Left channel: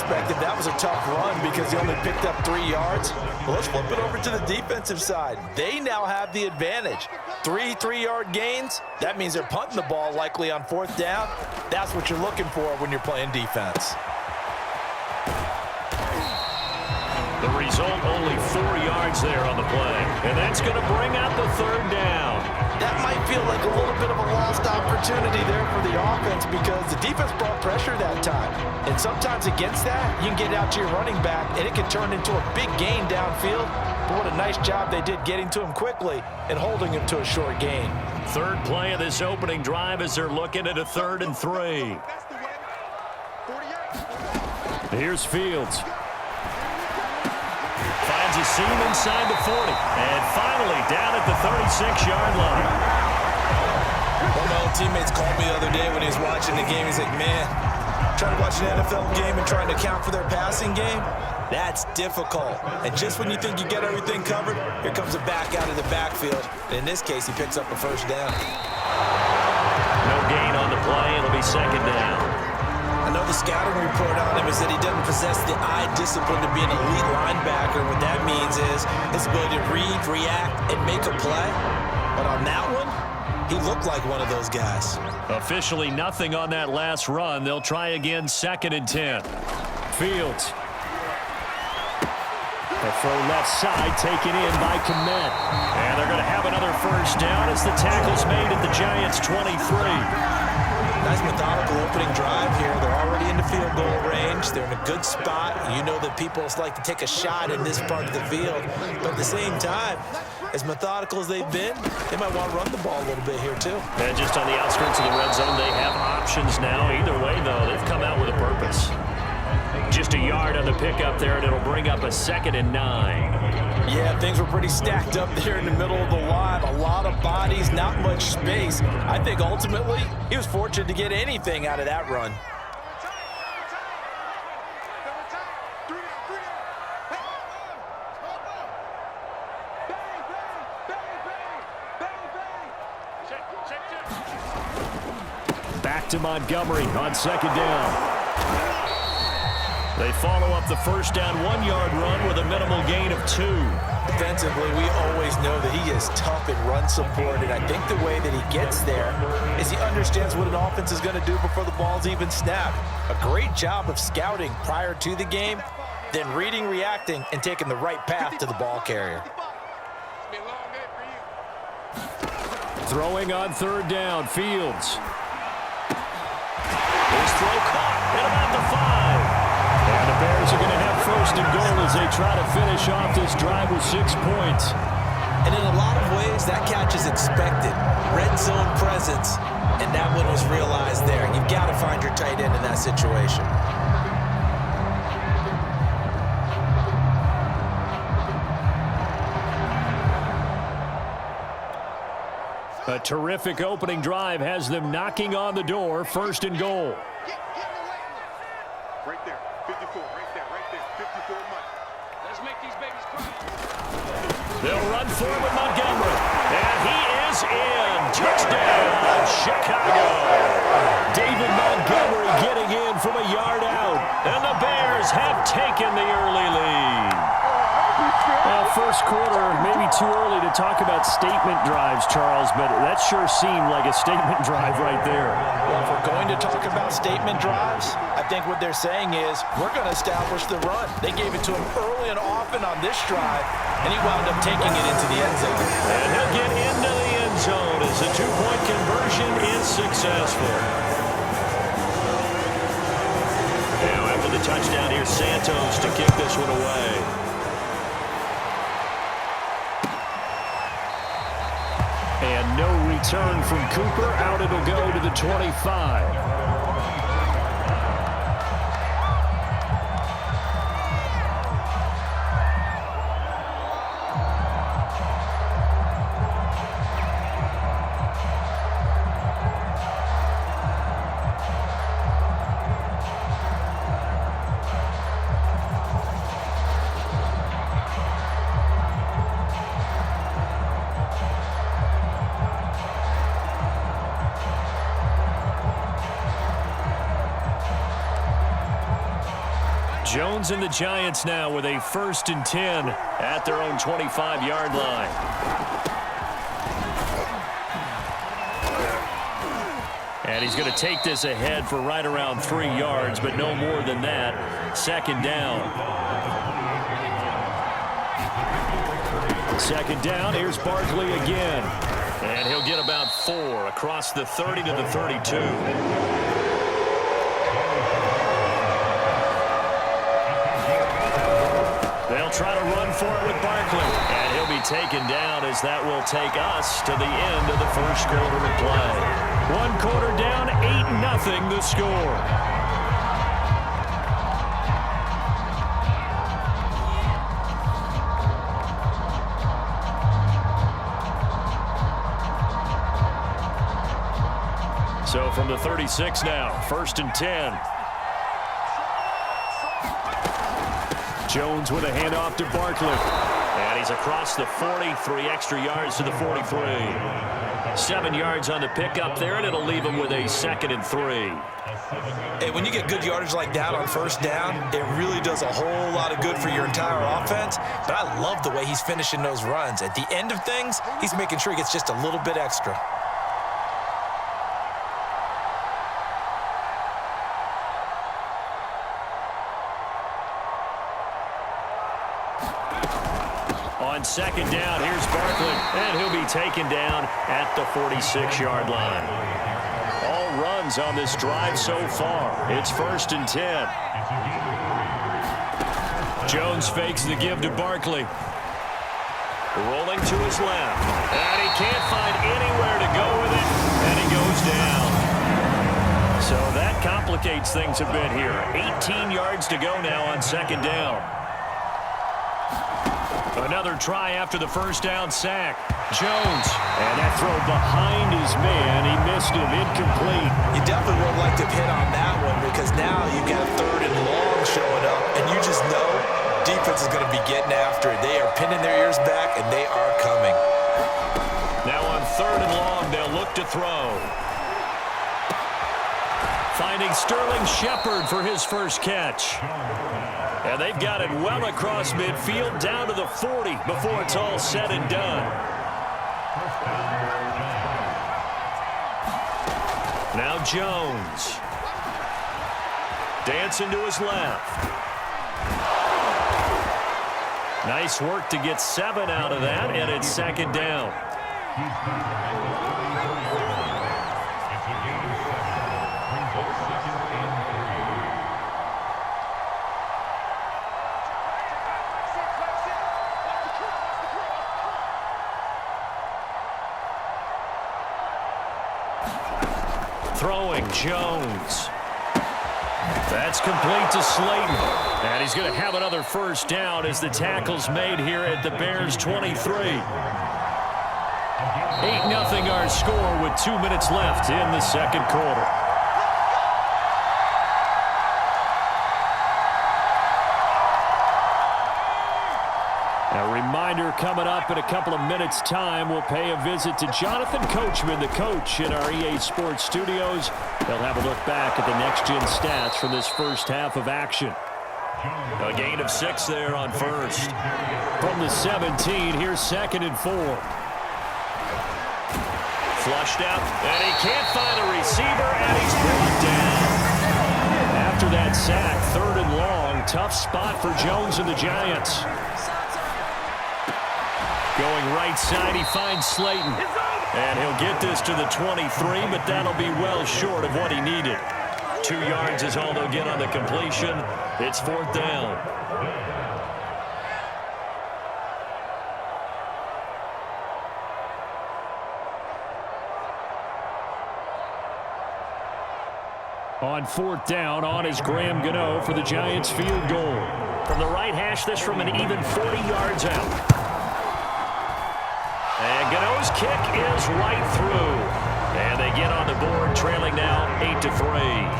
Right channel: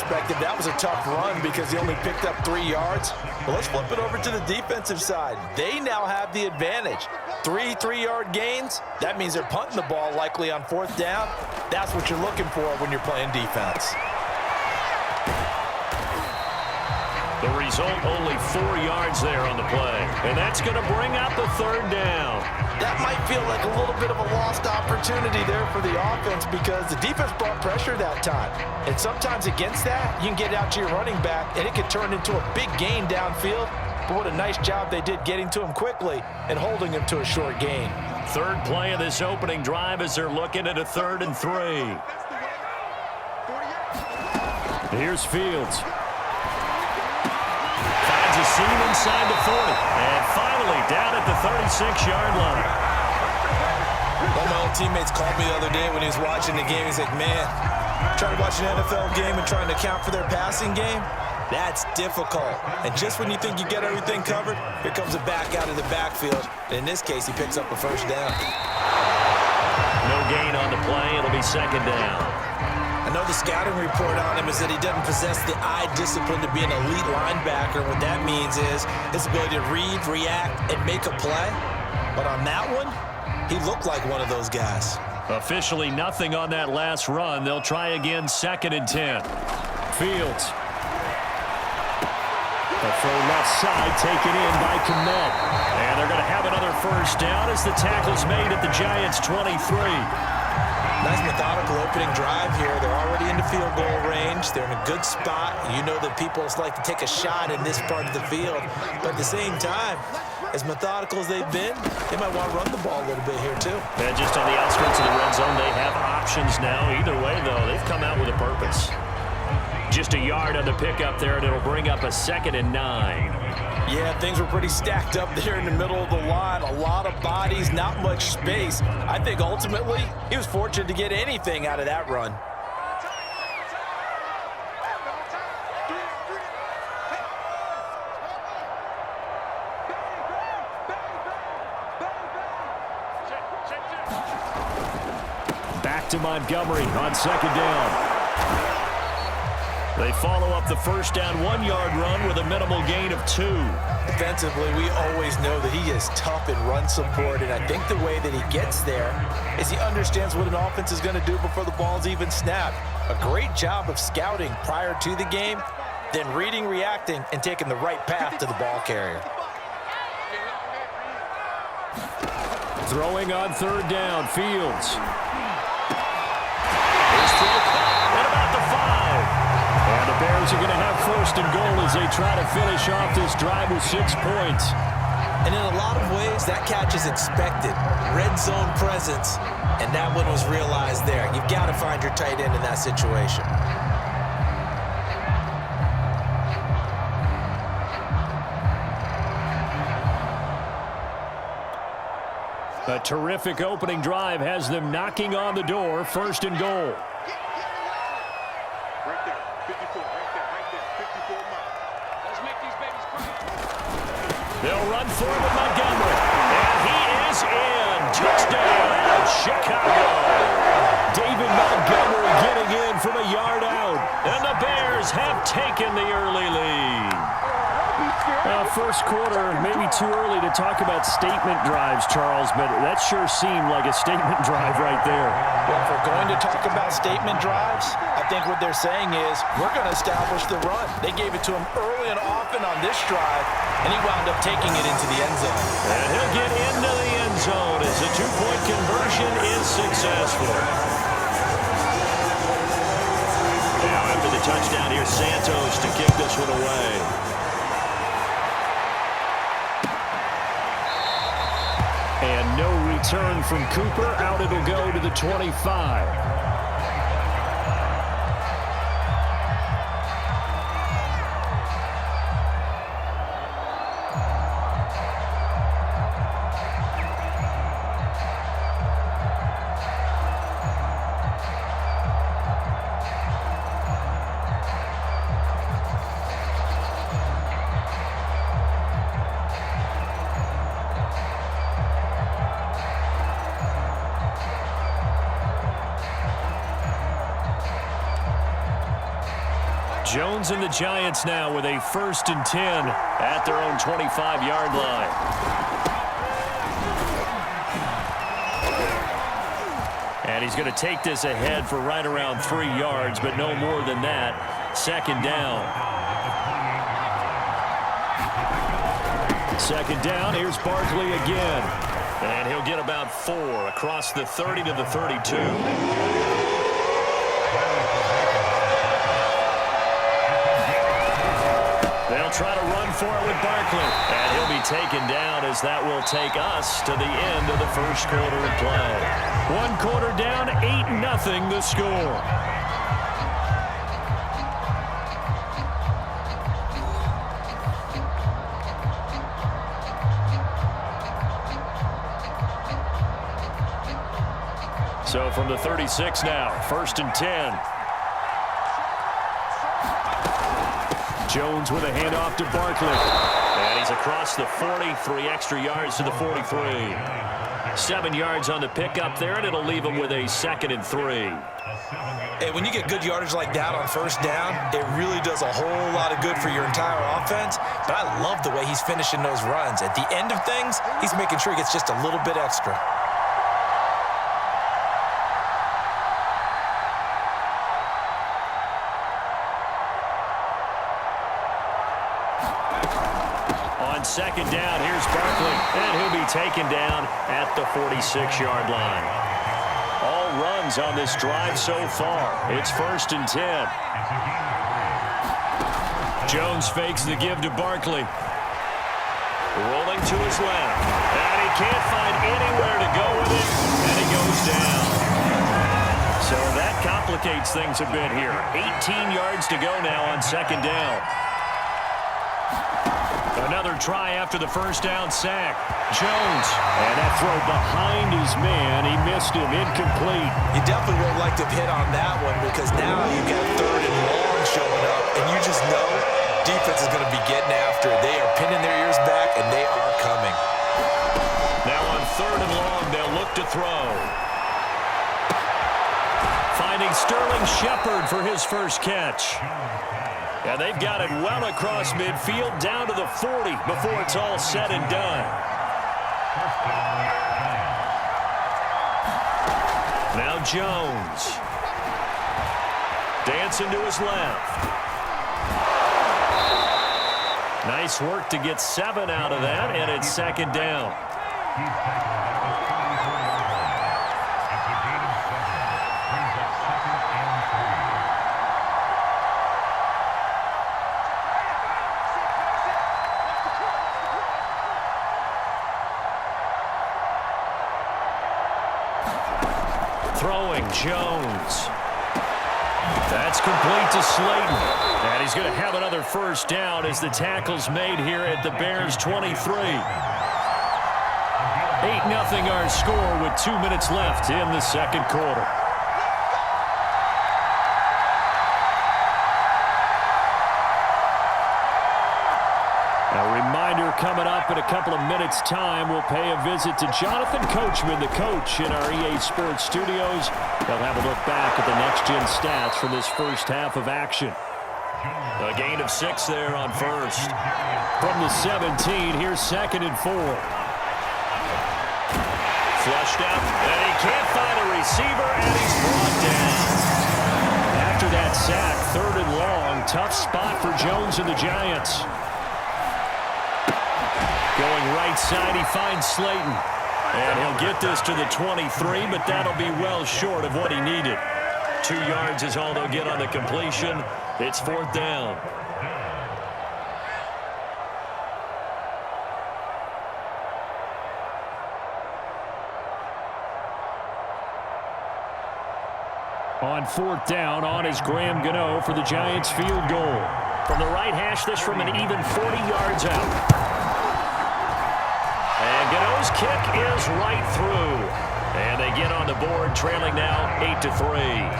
perspective, that was a tough run because he only picked up 3 yards. But let's flip it over to the defensive side. They now have the advantage. 3 3-yard gains, that means they're punting the ball likely on 4th down. That's what you're looking for when you're playing defense. The result, only 4 yards there on the play. And that's going to bring out the 3rd down. That might feel like a little bit of a lost opportunity there for the offense because the defense brought pressure that time. And sometimes against that, you can get out to your running back, and it can turn into a big gain downfield. But what a nice job they did getting to him quickly and holding him to a short gain. 3rd play of this opening drive as they're looking at a 3rd and 3. Here's Fields. Finds a seam inside the 40. And finally down at the 36-yard line. One of my old teammates called me the other day when he was watching the game. He's like, man, trying to watch an NFL game and trying to account for their passing game, that's difficult. And just when you think you get everything covered, here comes a back out of the backfield. And in this case, he picks up a 1st down. No gain on the play. It'll be 2nd down. I know the scouting report on him is that he doesn't possess the eye discipline to be an elite linebacker. What that means is his ability to read, react, and make a play. But on that one, he looked like one of those guys. Officially nothing on that last run. They'll try again, 2nd and 10. Fields. A throw left side taken in by Kmet. And they're going to have another 1st down as the tackle's made at the Giants' 23. Nice methodical opening drive here. They're already in the field goal range. They're in a good spot. You know that people like to take a shot in this part of the field. But at the same time, as methodical as they've been, they might want to run the ball a little bit here too. And just on the outskirts of the red zone, they have options now. Either way, though, they've come out with a purpose. Just a yard on the pickup there, and it'll bring up a 2nd and 9. Yeah, things were pretty stacked up there in the middle of the line. A lot of bodies, not much space. I think ultimately he was fortunate to get anything out of that run. Back to Montgomery on 2nd down. They follow up the 1st down 1-yard run with a minimal gain of 2. Defensively, we always know that he is tough in run support, and I think the way that he gets there is he understands what an offense is going to do before the ball's even snapped. A great job of scouting prior to the game, then reading, reacting, and taking the right path to the ball carrier. Throwing on 3rd down, Fields. His throw caught at about the 5. And the Bears are going to have 1st and goal as they try to finish off this drive with 6 points. And in a lot of ways, that catch is expected. Red zone presence, and that one was realized there. You've got to find your tight end in that situation. A terrific opening drive has them knocking on the door. 1st and goal. Right there, 54, right there, 54 Mike. Let's make these babies cry. They'll run for it with Montgomery. And he is in. Touchdown, Chicago. David Montgomery getting in from a yard out. And the Bears have taken the early lead. Well, 1st quarter, maybe too early to talk about statement drives, Charles, but that sure seemed like a statement drive right there. Well, if we're going to talk about statement drives, I think what they're saying is we're going to establish the run. They gave it to him early and often on this drive, and he wound up taking it into the end zone. And he'll get into the end zone as the 2-point conversion is successful. Now, after the touchdown, here's Santos to kick this one away. And no return from Cooper. Out it'll go to the 25. Jones and the Giants now with a 1st and 10 at their own 25-yard line. And he's going to take this ahead for right around 3 yards, but no more than that. 2nd down. 2nd down, here's Barkley again. And he'll get about 4 across the 30 to the 32. They'll try to run for it with Barkley. And he'll be taken down as that will take us to the end of the 1st quarter of play. 1 quarter down, 8-0 the score. So from the 36 now, 1st and 10. Jones with a handoff to Barkley. And he's across the 40, 3 extra yards to the 43. 7 yards on the pickup there, and it'll leave him with a 2nd and 3. Hey, when you get good yardage like that on 1st down, it really does a whole lot of good for your entire offense. But I love the way he's finishing those runs. At the end of things, he's making sure he gets just a little bit extra. On 2nd down, here's Barkley, and he'll be taken down at the 46-yard line. All runs on this drive so far. It's 1st and 10. Jones fakes the give to Barkley. Rolling to his left, and he can't find anywhere to go with it, and he goes down. So that complicates things a bit here. 18 yards to go now on 2nd down. Another try after the 1st down sack. Jones, and that throw behind his man. He missed him, incomplete. You definitely would like to hit on that one because now you've got 3rd and long showing up, and you just know defense is going to be getting after it. They are pinning their ears back, and they are coming. Now on 3rd and long, they'll look to throw. Finding Sterling Shepard for his 1st catch. And they've got it well across midfield down to the 40 before it's all said and done. Now Jones. Dancing to his left. Nice work to get 7 out of that, and it's 2nd down. Throwing Jones. That's complete to Slayton. And he's going to have another 1st down as the tackle's made here at the Bears 23. 8-0 our score with 2 minutes left in the 2nd quarter. A reminder coming up in a couple of minutes' time, we'll pay a visit to Jonathan Coachman, the coach in our EA Sports studios. He'll have a look back at the next-gen stats from this 1st half of action. A gain of 6 there on 1st. From the 17, here's 2nd and 4. Flushed out, and he can't find a receiver, and he's brought down. After that sack, 3rd and long, tough spot for Jones and the Giants. Going right side, he finds Slayton. And he'll get this to the 23, but that'll be well short of what he needed. 2 yards is all they'll get on the completion. It's 4th down. On 4th down, on is Graham Gano for the Giants field goal. From the right hash, this from an even 40 yards out. And Gano's kick is right through. And they get on the board, trailing now 8-3.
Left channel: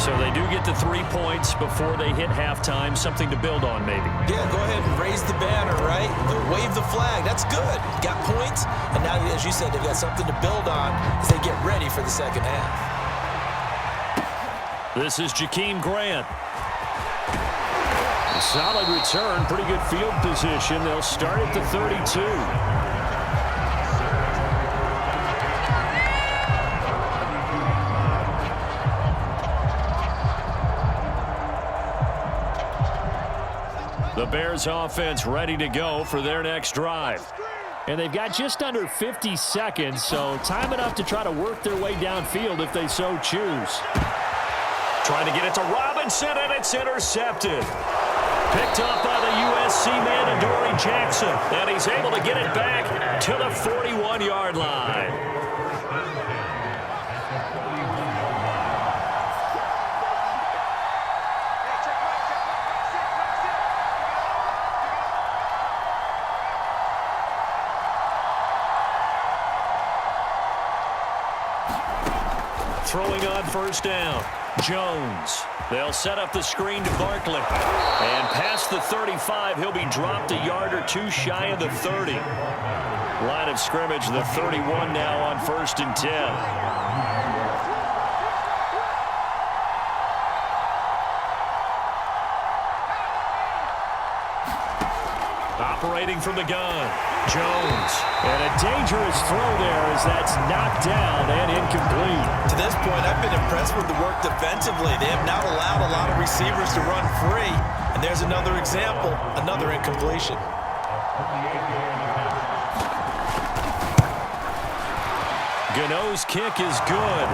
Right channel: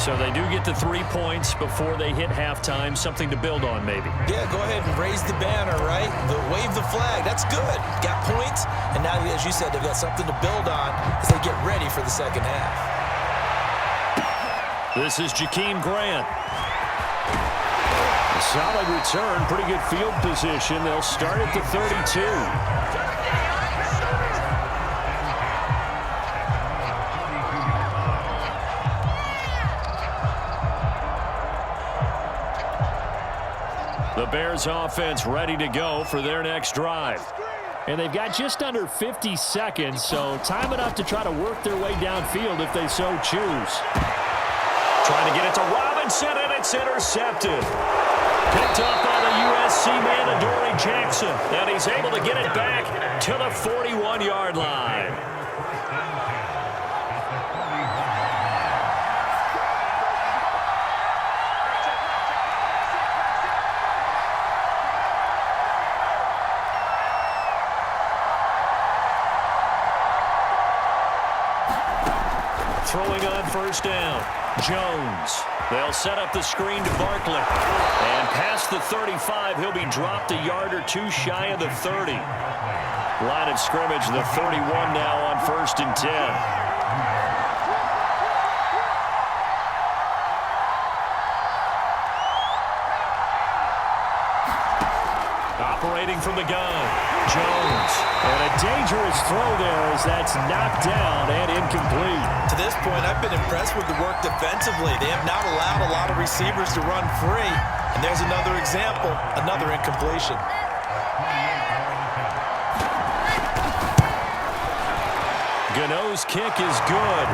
So they do get the 3 points before they hit halftime. Something to build on, maybe. Yeah, go ahead and raise the banner, right? Wave the flag. That's good. Got points. And now, as you said, they've got something to build on as they get ready for the 2nd half. This is Jakeem Grant. A solid return, pretty good field position. They'll start at the 32. The Bears offense ready to go for their next drive. And they've got just under 50 seconds, so time enough to try to work their way downfield if they so choose. Trying to get it to Robinson, and it's intercepted. Picked up by the USC man, Adoree Jackson, and he's able to get it back to the 41-yard line. Throwing on first down, Jones. They'll set up the screen to Barkley. And past the 35, he'll be dropped a yard or two shy of the 30. Line of scrimmage, the 31 now on 1st and 10. Operating from the gun, Jones. And a dangerous throw there as that's knocked down and incomplete. To this point, I've been impressed with the work defensively. They have not allowed a lot of receivers to run free. And there's another example, another incompletion. Gano's kick is good.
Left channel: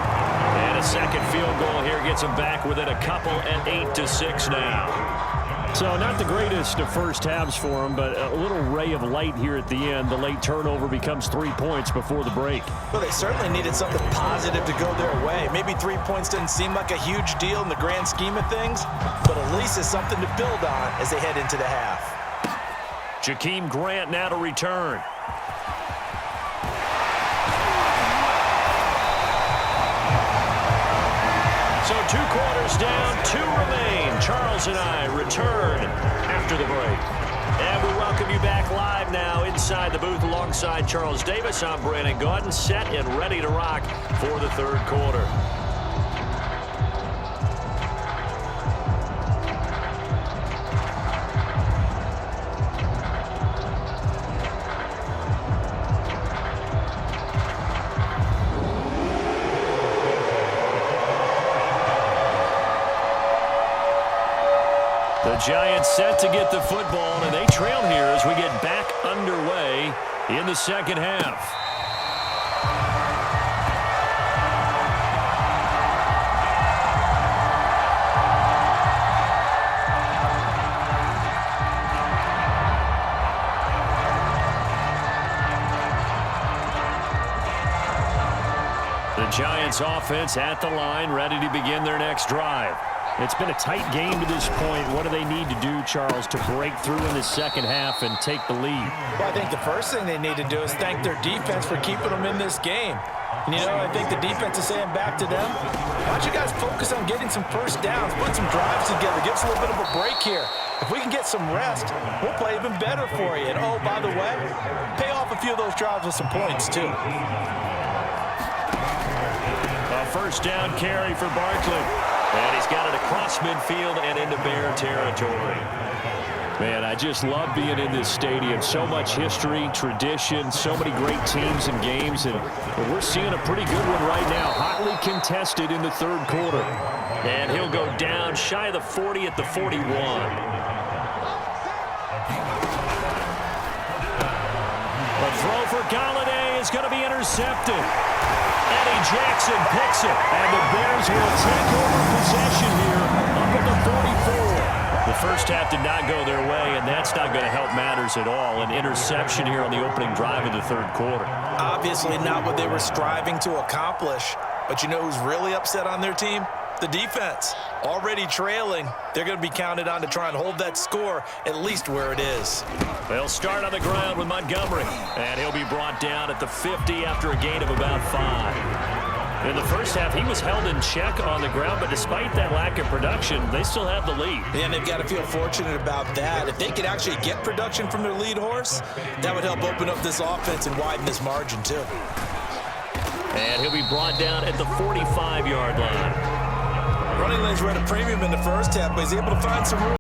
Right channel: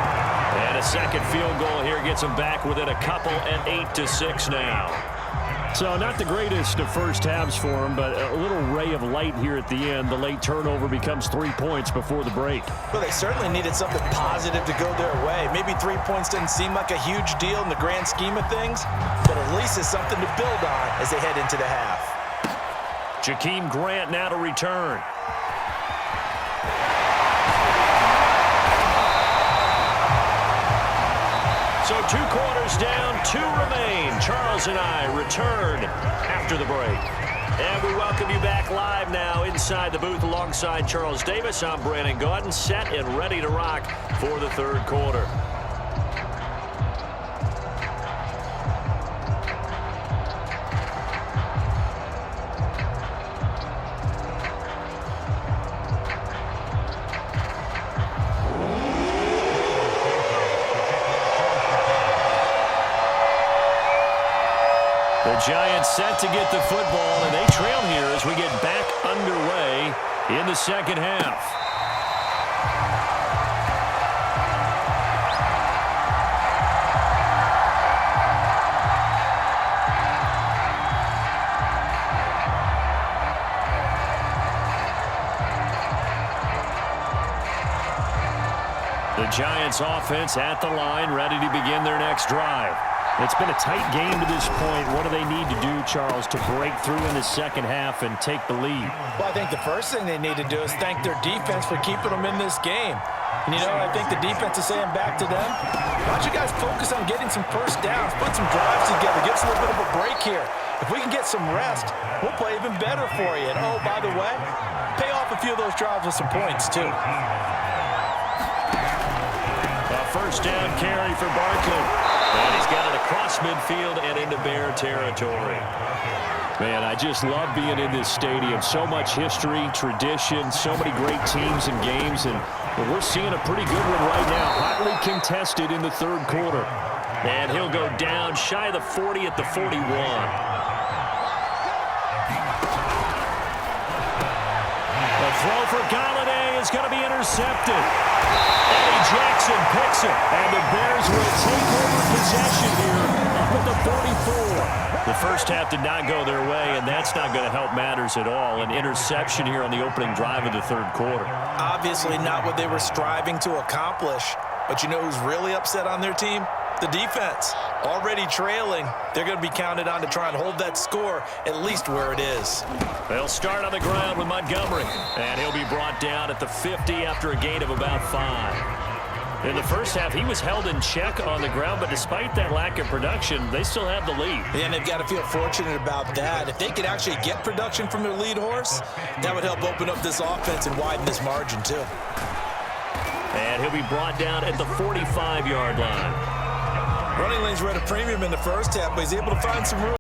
And a second field goal here gets him back within a couple at 8-6 now. So not the greatest of first halves for him, but a little ray of light here at the end. The late turnover becomes 3 points before the break. Well, they certainly needed something positive to go their way. Maybe 3 points doesn't seem like a huge deal in the grand scheme of things, but at least it's something to build on as they head into the half. Jakeem Grant now to return. So 2 quarters down, 2 remain. Charles and I return after the break. And we welcome you back live now inside the booth alongside Charles Davis. I'm Brandon Gaudin, set and ready to rock for the 3rd quarter. The Giants set to get the football, and they trail here as we get back underway in the second half. The Giants offense at the line, ready to begin their next drive. It's been a tight game to this point. What do they need to do, Charles, to break through in the second half and take the lead? Well, I think the first thing they need to do is thank their defense for keeping them in this game. And, you know, I think the defense is saying back to them, why don't you guys focus on getting some first downs, put some drives together, give us a little bit of a break here. If we can get some rest, we'll play even better for you. And, oh, by the way, pay off a few of those drives with some points, too. A first down carry for Barkley. And he's got it across midfield and into Bear territory. Man, I just love being in this stadium. So much history, tradition, so many great teams and games. And we're seeing a pretty good one right now. Hotly contested in the 3rd quarter. And he'll go down shy of the 40 at the 41. The throw for Golladay is going to be intercepted. Eddie Jackson picks it, and the Bears will take over possession here up at the 44. The first half did not go their way, and that's not going to help matters at all. An interception here on the opening drive of the 3rd quarter. Obviously not what they were striving to accomplish, but you know who's really upset on their team? The defense. Already trailing, they're going to be counted on to try and hold that score at least where it is. They'll start on the ground with Montgomery, and he'll be brought down at the 50 after a gain of about 5. In the first half, he was held in check on the ground, but despite that lack of production, they still have the lead. And they've got to feel fortunate about that. If they could actually get production from their lead horse, that would help open up this offense and widen this margin too. And he'll be brought down at the 45-yard line. Running lanes were at a premium in the first half, but he's able to find some room.